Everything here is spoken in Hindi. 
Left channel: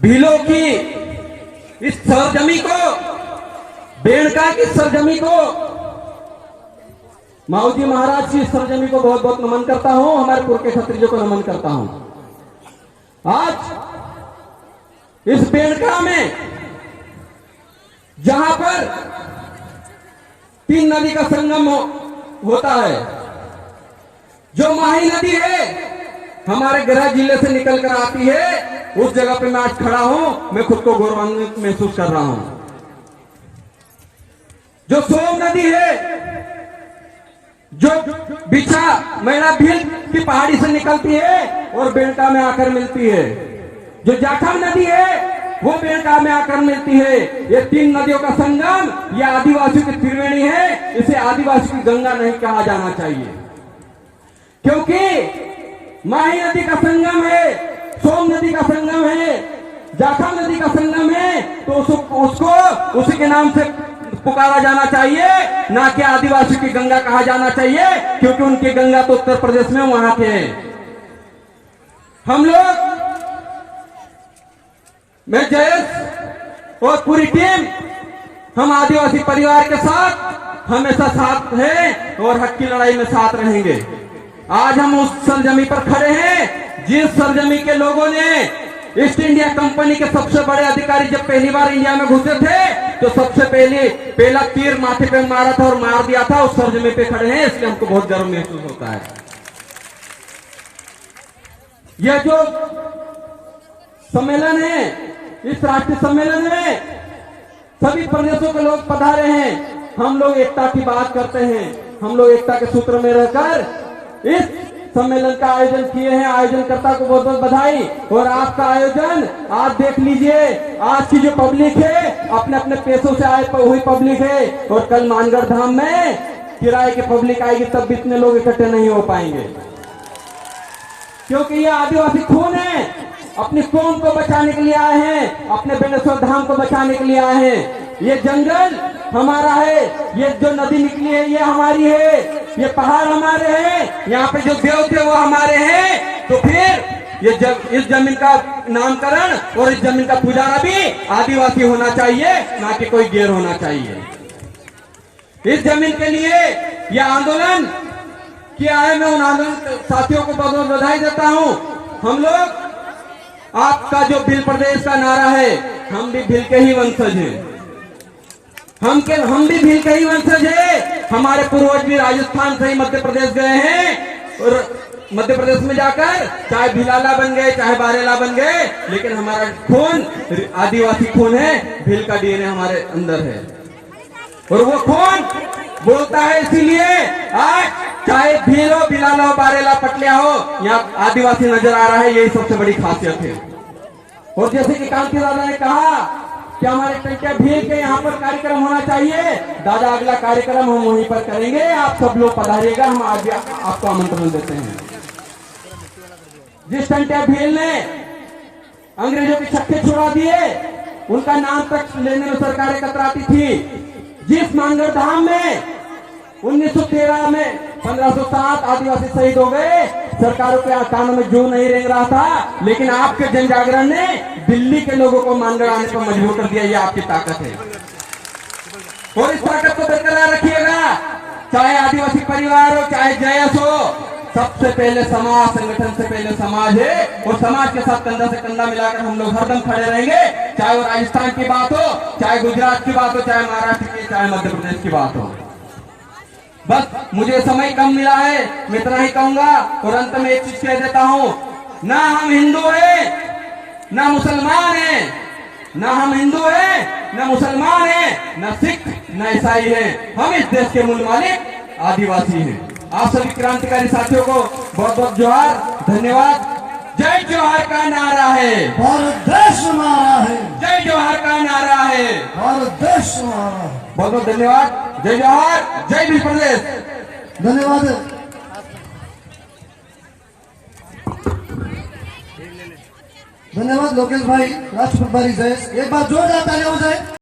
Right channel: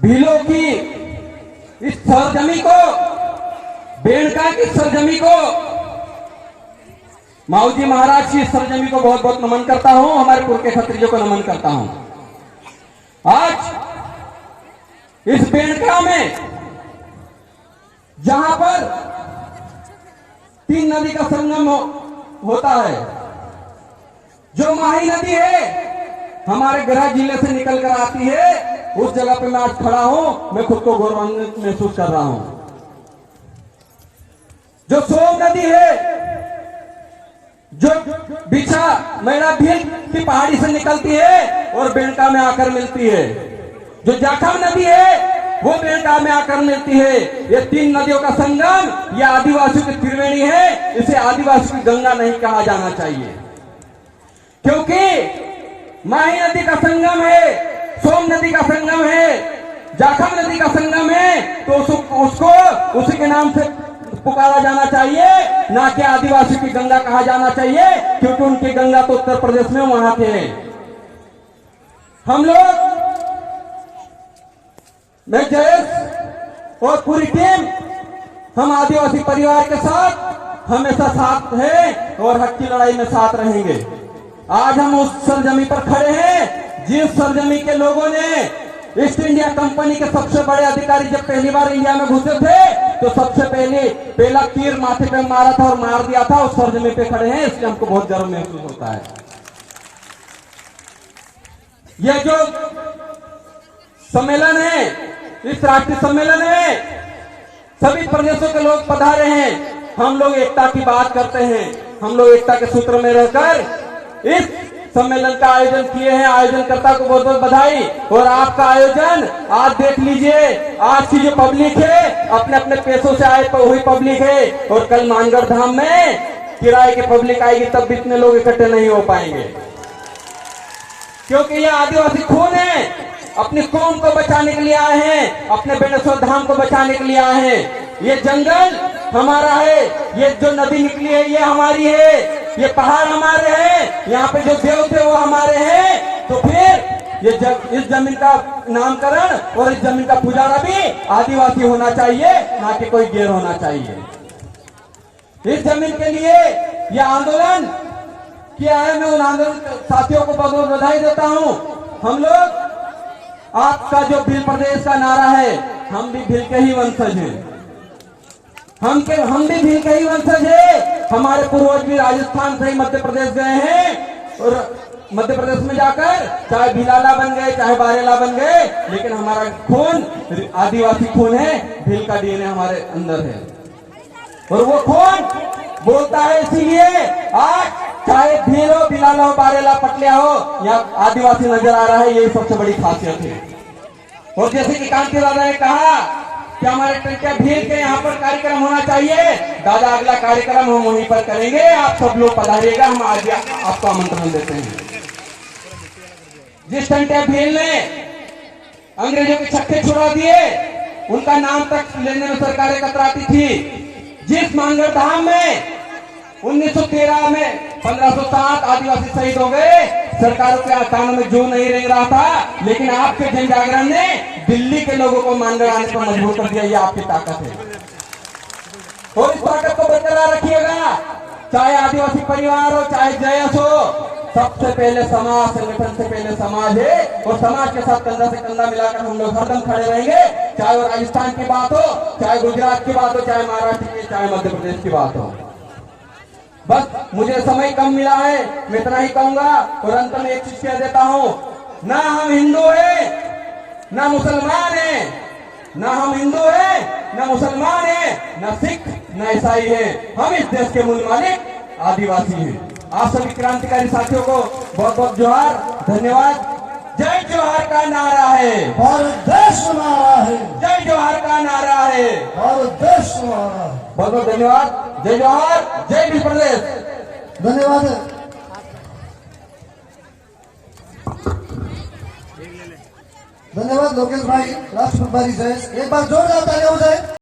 भीलों की इस सरजमी को, बेड़का की सरजमी को, माऊजी महाराज की सरजमी को बहुत बहुत नमन करता हूं। हमारे पूर्व के क्षत्रियों को नमन करता हूं। आज इस बेड़का में जहां पर 3 नदी का संगम होता है, जो माही नदी है हमारे गृह जिले से निकलकर आती है, उस जगह पे मैं आज खड़ा हूं। मैं खुद को गौरवान्वित महसूस कर रहा हूं। जो सोम नदी है, जो बिछा मैना भील की पहाड़ी से निकलती है और बेड़का में आकर मिलती है, जो जाखम नदी है वो बेड़का में आकर मिलती है। ये 3 नदियों का संगम, ये आदिवासियों की त्रिवेणी है। इसे आदिवासी की गंगा नहीं कहा जाना चाहिए, क्योंकि माही नदी का संगम है, सोम नदी का संगम है, जाखम नदी का संगम है, तो उसको उसी के नाम से पुकारा जाना चाहिए, ना कि आदिवासी की गंगा कहा जाना चाहिए, क्योंकि उनकी गंगा तो उत्तर प्रदेश में वहां के हैं। हम लोग, मैं जयेश और पूरी टीम, हम आदिवासी परिवार के साथ हमेशा साथ हैं और हक की लड़ाई में साथ रहेंगे। आज हम उस सरजमी पर खड़े हैं जिस सरजमी के लोगों ने ईस्ट इंडिया कंपनी के सबसे बड़े अधिकारी जब पहली बार इंडिया में घुसे थे तो सबसे पहला तीर माथे पे मारा था और मार दिया था। उस सरजमी पे खड़े हैं, इसलिए हमको बहुत गर्व महसूस होता है। यह जो सम्मेलन है, इस राष्ट्रीय सम्मेलन में सभी प्रदेशों के लोग पधारे हैं। हम लोग एकता की बात करते हैं, हम लोग एकता के सूत्र में रहकर इस सम्मेलन का आयोजन किए हैं। आयोजनकर्ता को बहुत बहुत बधाई। और आपका आयोजन आज देख लीजिए, आज की जो पब्लिक है अपने अपने पेशों से आए हुई पब्लिक है, और कल मानगढ़ धाम में किराए की पब्लिक आएगी, तब भी इतने लोग इकट्ठे नहीं हो पाएंगे, क्योंकि यह आदिवासी खून है। अपनी कौम को बचाने के लिए आए हैं, अपने बेणेश्वर धाम को बचाने के लिए आए हैं। ये जंगल हमारा है, ये जो नदी निकली है ये हमारी है, ये पहाड़ हमारे हैं, यहाँ पे जो देव थे वो हमारे हैं। तो फिर इस जमीन का नामकरण और इस जमीन का पुजारा भी आदिवासी होना चाहिए, ना कि कोई गैर होना चाहिए। इस जमीन के लिए यह आंदोलन किया है। मैं उन आंदोलन साथियों को बहुत बहुत बधाई देता हूँ। हम लोग, आपका जो भील प्रदेश का नारा है, हम भी भील के ही वंशज हैं, हम भी भील के ही वंशज है। हमारे पूर्वज भी राजस्थान से ही मध्य प्रदेश गए हैं, और मध्य प्रदेश में जाकर चाहे भीलाला बन गए, चाहे बारेला बन गए, लेकिन हमारा खून आदिवासी खून है, भील का डीएनए हमारे अंदर है। और वो खून बोलता है, इसीलिए आज चाहे भील हो, भीलाला हो, बारेला, पटलिया हो, यहाँ आदिवासी नजर आ रहा है। यही सबसे बड़ी खासियत है। और जैसे कि कांति दादा ने कहा कि हमारे टंकिया भील के यहाँ पर कार्यक्रम होना चाहिए, दादा अगला कार्यक्रम हम वहीं पर करेंगे। आप सब लोग पधारिएगा, हम आज आपको आमंत्रण देते हैं। जिस टंकिया भील ने अंग्रेजों के छक्के छुड़ा दिए, उनका नाम तक लेने में सरकारें कतराती थी। जिस मानगढ़ धाम में 1913 में 1560 आदिवासी शहीद हो गए, सरकारों के कानों में जो नहीं रेंग रहा था, लेकिन आपके जन जागरण ने दिल्ली के लोगों को मानगढ़ आने पर मजबूर कर दिया। ये आपकी ताकत है, और इस ताकत को बरकरार रखिएगा। चाहे आदिवासी परिवार हो, चाहे जयस हो, सबसे पहले समाज, संगठन से पहले समाज है, और समाज के साथ कंधा से कंधा मिलाकर हम लोग हरदम खड़े रहेंगे। चाहे वो राजस्थान की बात हो, चाहे गुजरात की बात हो, चाहे महाराष्ट्र की, चाहे मध्य प्रदेश की बात हो। बस मुझे समय कम मिला है, मैं इतना ही कहूंगा। और अंत में एक चीज कह देता हूं, ना हम हिंदू हैं, ना मुसलमान हैं, ना हम हिंदू हैं, ना मुसलमान हैं, ना सिख, ना ईसाई हैं। हम इस देश के मूल मालिक आदिवासी हैं। आप सभी क्रांतिकारी साथियों को बहुत बहुत जोहार, धन्यवाद। जय जोहार का नारा है, भारत देश हमारा है। जय जोहार का नारा है, भारत देश हमारा है। बहुत बहुत धन्यवाद। जय जोहार, जय भील प्रदेश। धन्यवाद। धन्यवाद लोकेश भाई, राष्ट्रपति जयेश। एक बार जोरदार तालियां हो जाए।